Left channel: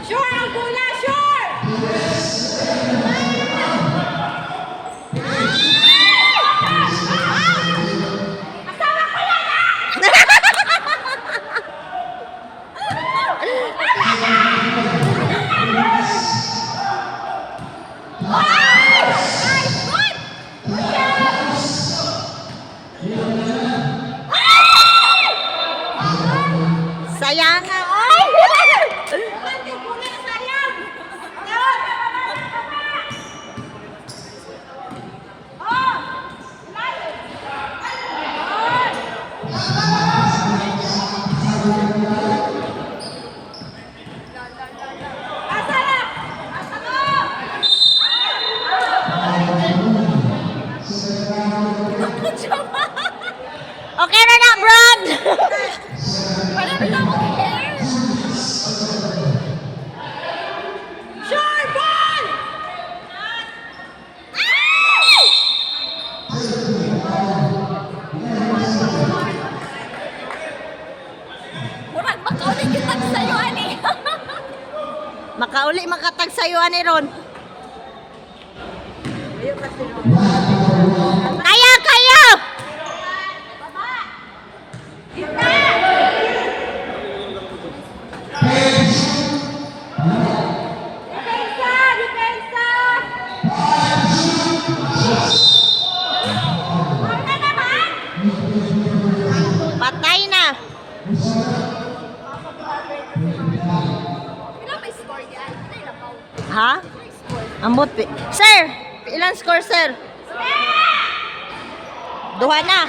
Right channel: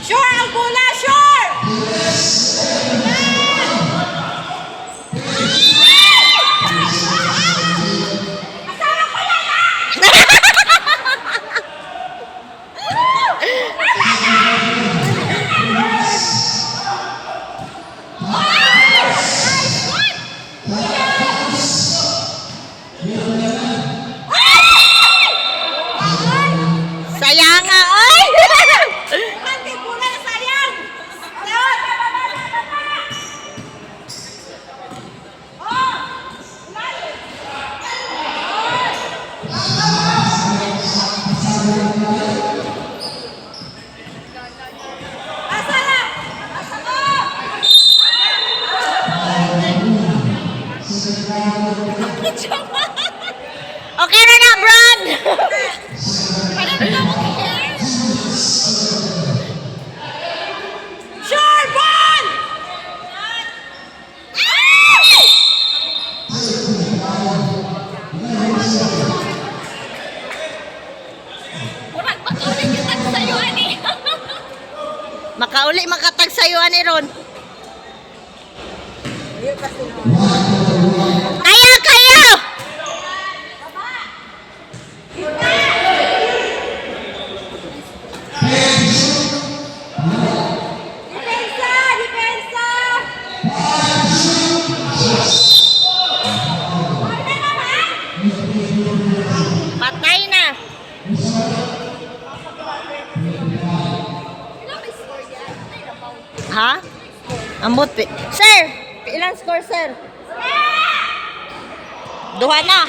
Sure, ang bola, sure! Sayang nga, oy! Ate, bola na sayang! Leon! Oh! Lalim! Asa na? Asa mo? Okay na na, Brad! Sure, ball! Makauli makatag sa'yo, ani Ron. Kaya, kaya! Depensa! Depensa! Ball na naman! Patay na. Ha? Ambot pi. Sir, ilang score, sir? Duha na.